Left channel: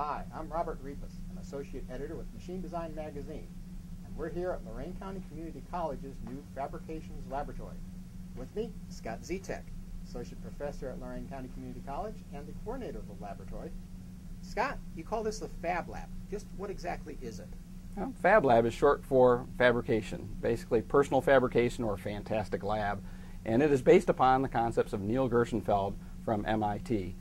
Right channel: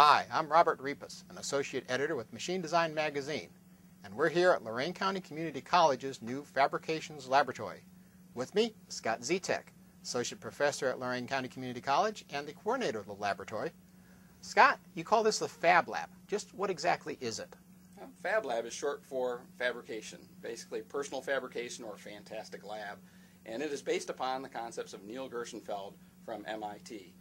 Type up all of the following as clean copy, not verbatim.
Hi, I'm Robert Repas, an associate editor with Machine Design Magazine, and we're here at Lorain County Community College's new Fabrications Laboratory. With me, Scott Zetek, associate professor at Lorain County Community College and the coordinator of the laboratory. Scott, you call this the Fab Lab. Just what exactly is it? Well, Fab Lab is short for fabrication, basically personal fabrication or fantastic lab, and it is based upon the concepts of Neil Gershenfeld from MIT.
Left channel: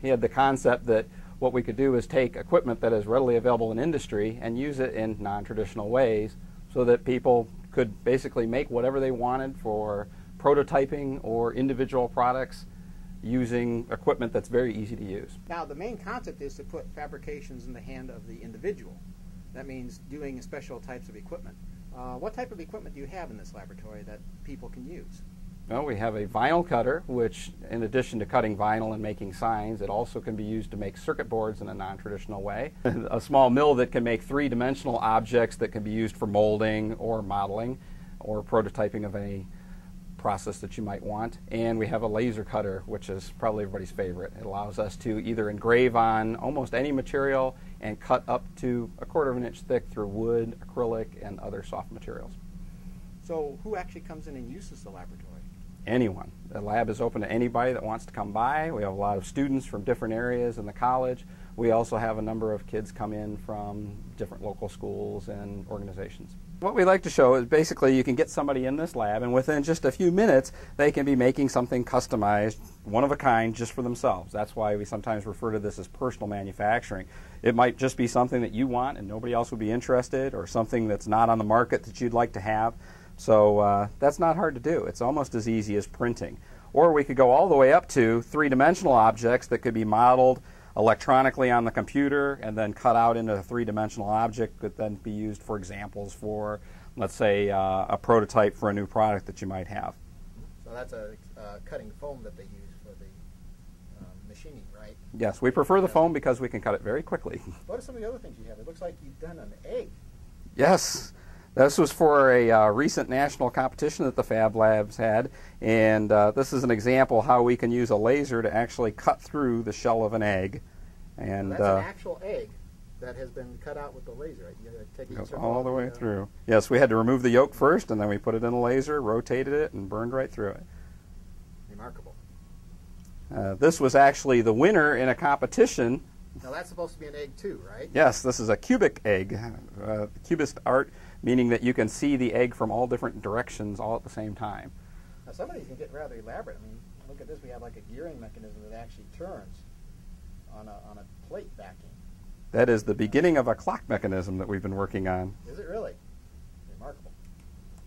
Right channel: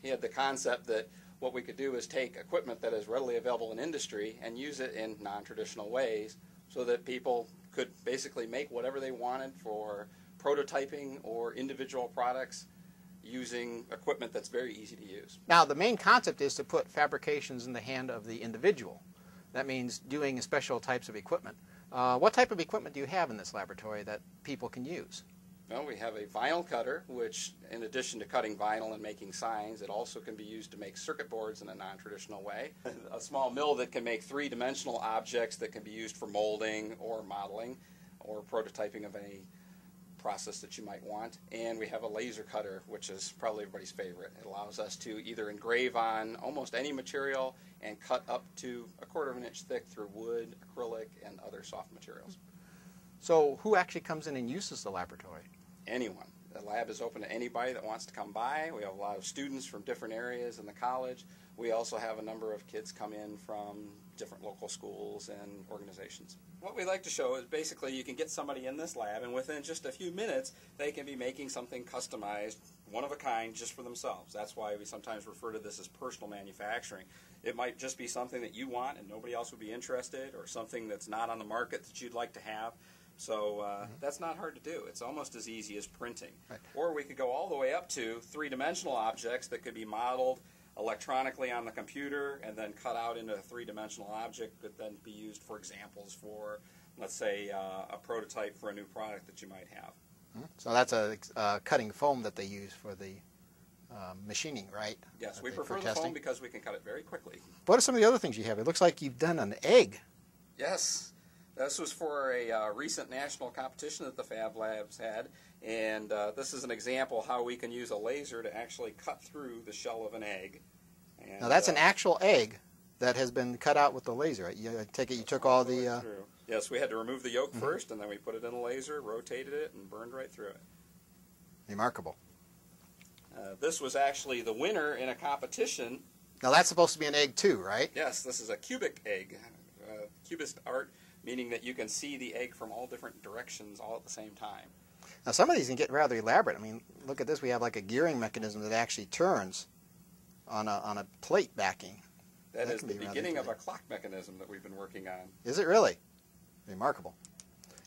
He had the concept that what we could do is take equipment that is readily available in industry and use it in non-traditional ways so that people could basically make whatever they wanted for prototyping or individual products using equipment that's very easy to use. Now, the main concept is to put fabrications in the hand of the individual. That means doing special types of equipment. What type of equipment do you have in this laboratory that people can use? Well, we have a vinyl cutter, which in addition to cutting vinyl and making signs, it also can be used to make circuit boards in a non-traditional way. A small mill that can make three-dimensional objects that can be used for molding or modeling or prototyping of any process that you might want. And we have a laser cutter, which is probably everybody's favorite. It allows us to either engrave on almost any material and cut up to 1/4 of an inch thick through wood, acrylic, and other soft materials. So who actually comes in and uses the laboratory? Anyone. The lab is open to anybody that wants to come by. We have a lot of students from different areas in the college. We also have a number of kids come in from different local schools and organizations. What we like to show is basically you can get somebody in this lab and within just a few minutes they can be making something customized, one of a kind, just for themselves. That's why we sometimes refer to this as personal manufacturing. It might just be something that you want and nobody else would be interested, or something that's not on the market that you'd like to have. So that's not hard to do. It's almost as easy as printing. Or we could go all the way up to three-dimensional objects that could be modeled electronically on the computer and then cut out into a three-dimensional object that then be used for examples for, let's say, a prototype for a new product that you might have. So that's a cutting foam that they use for the machining, right? Yes, we prefer the foam because we can cut it very quickly. What are some of the other things you have? It looks like you've done an egg. Yes. This was for a recent national competition that the Fab Labs had, and this is an example how we can use a laser to actually cut through the shell of an egg. And now that's an actual egg that has been cut out with the laser. You take it, you took all the way through. Yes, we had to remove the yolk first, and then we put it in a laser, rotated it, and burned right through it. Remarkable. This was actually the winner in a competition. Now that's supposed to be an egg too, right? Yes, this is a cubic egg. Cubist art, meaning that you can see the egg from all different directions all at the same time. Now some of these can get rather elaborate. I mean, look at this. We have like a gearing mechanism that actually turns on a plate backing. That is the beginning of a clock mechanism that we've been working on. Is it really? Remarkable.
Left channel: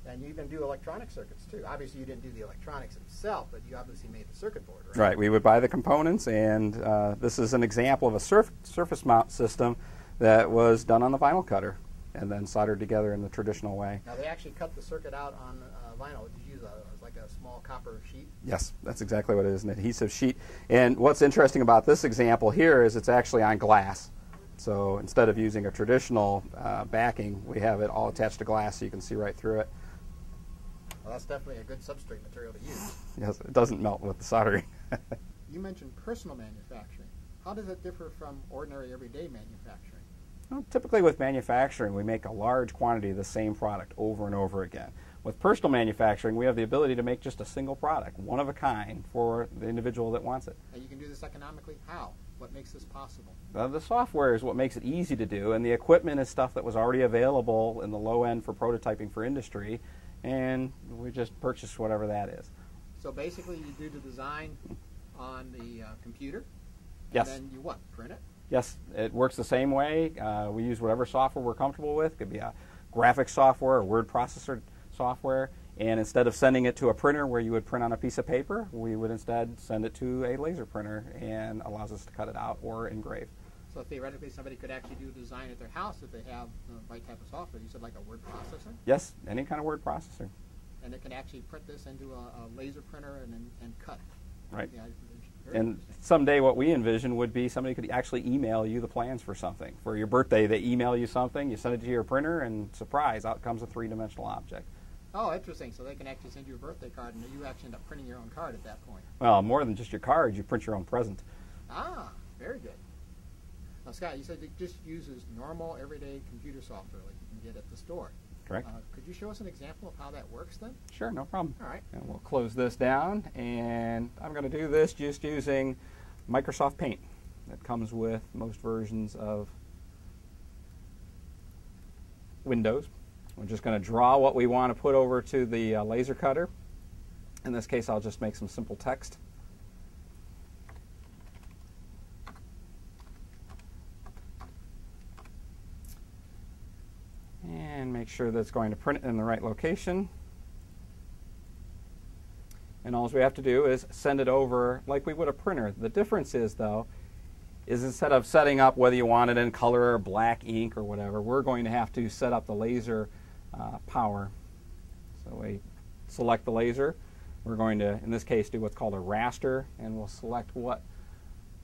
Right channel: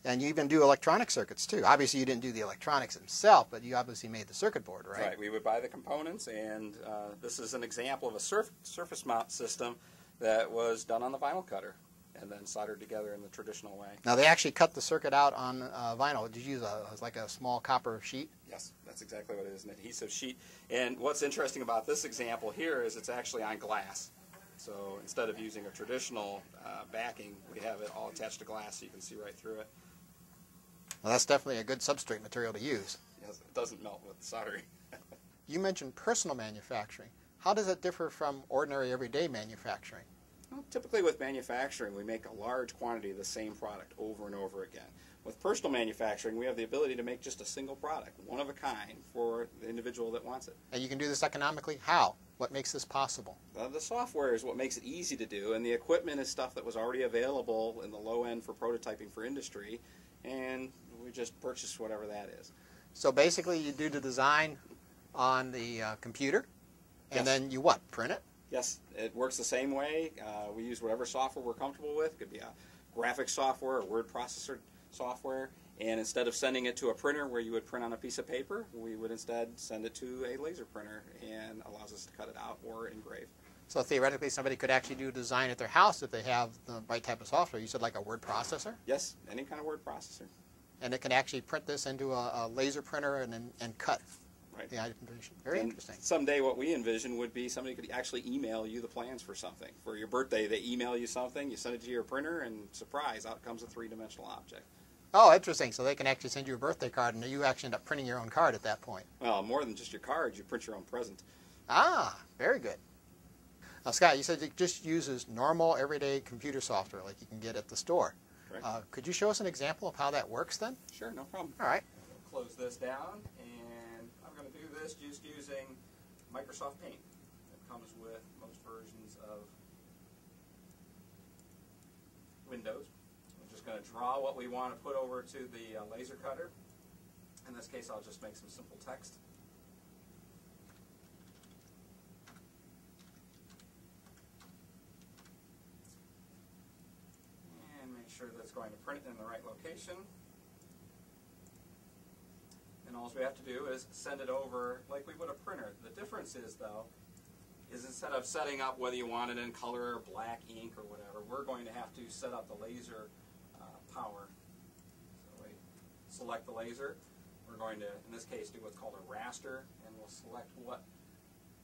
And you even do electronic circuits too. Obviously you didn't do the electronics themselves, but you obviously made the circuit board, right? Right. We would buy the components, and this is an example of a surface mount system that was done on the vinyl cutter and then soldered together in the traditional way. Now they actually cut the circuit out on vinyl. Did you use like a small copper sheet? Yes, that's exactly what it is, an adhesive sheet. And what's interesting about this example here is it's actually on glass. So instead of using a traditional backing, we have it all attached to glass so you can see right through it. Well, that's definitely a good substrate material to use. Yes, it doesn't melt with the soldering. You mentioned personal manufacturing. How does it differ from ordinary everyday manufacturing? Well, typically with manufacturing, we make a large quantity of the same product over and over again. With personal manufacturing, we have the ability to make just a single product, one of a kind, for the individual that wants it. And you can do this economically? How? What makes this possible? The software is what makes it easy to do, and the equipment is stuff that was already available in the low end for prototyping for industry, and we just purchase whatever that is. So basically you do the design on the computer, and yes. then you what, print it? Yes, it works the same way. We use whatever software we're comfortable with. It could be a graphics software or word processor software, and instead of sending it to a printer where you would print on a piece of paper, we would instead send it to a laser printer, and allows us to cut it out or engrave. So theoretically somebody could actually do a design at their house if they have the right type of software. You said like a word processor? Yes, any kind of word processor. And it can actually print this into a laser printer and cut. Right. The item. Very and interesting. Someday what we envision would be somebody could actually email you the plans for something. For your birthday, they email you something, you send it to your printer, and surprise, out comes a three-dimensional object. Oh, interesting. So they can actually send you a birthday card, and you actually end up printing your own card at that point. Well, more than just your card, you print your own present. Ah, very good. Now, Scott, you said it just uses normal, everyday computer software like you can get at the store. Correct. Could you show us an example of how that works then? Sure, no problem. All right. And we'll close this down, and I'm going to do this just using Microsoft Paint that comes with most versions of Windows. We're just going to draw what we want to put over to the laser cutter. In this case, I'll just make some simple text. And make sure that it's going to print in the right location. And all we have to do is send it over like we would a printer. The difference is, though, is instead of setting up whether you want it in color or black ink or whatever, we're going to have to set up the laser power. So we select the laser. We're going to, in this case, do what's called a raster, and we'll select what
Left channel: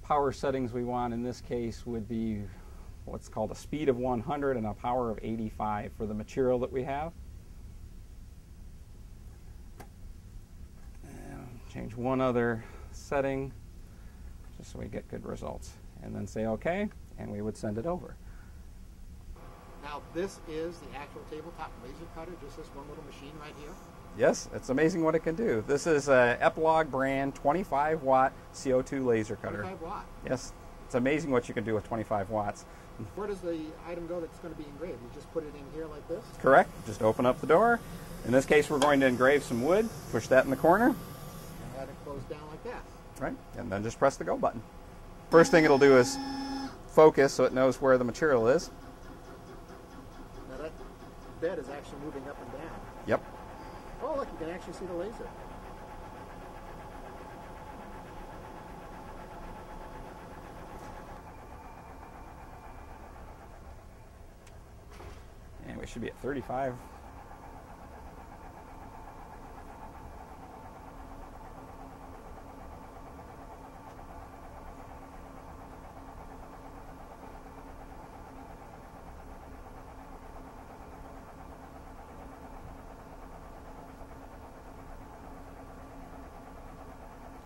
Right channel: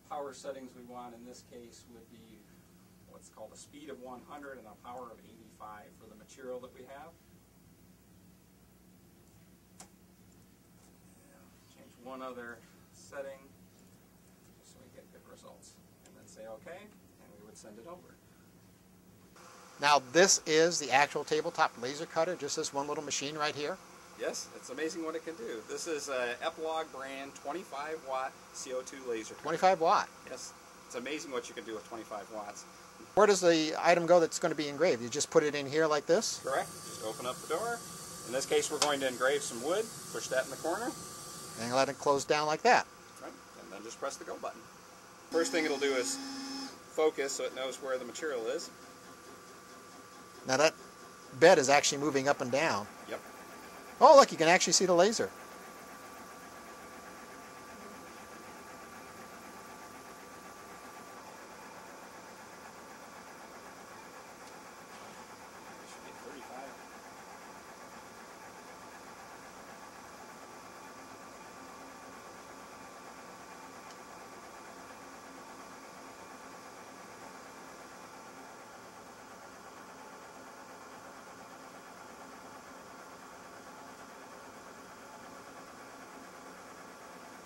power settings we want. In this case would be what's called a speed of 100 and a power of 85 for the material that we have. And change one other setting just so we get good results. And then say OK, and we would send it over. Now, this is the actual tabletop laser cutter, just this one little machine right here? Yes, it's amazing what it can do. This is a Epilogue brand 25-watt CO2 laser cutter. 25 watt? Yes, it's amazing what you can do with 25 watts. Where does the item go that's going to be engraved? You just put it in here like this? Correct. Just open up the door. In this case, we're going to engrave some wood. Push that in the corner. And let it close down like that. Right, and then just press the go button. First thing it'll do is focus so it knows where the material is. Now that bed is actually moving up and down. Yep. Oh, look, you can actually see the laser. And we should be at 35.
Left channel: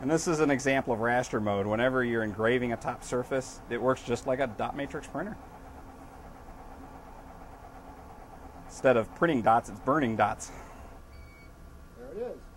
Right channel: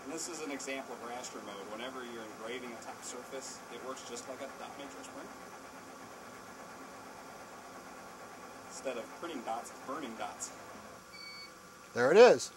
And this is an example of raster mode. Whenever you're engraving a top surface, it works just like a dot matrix printer. Instead of printing dots, it's burning dots. There it is.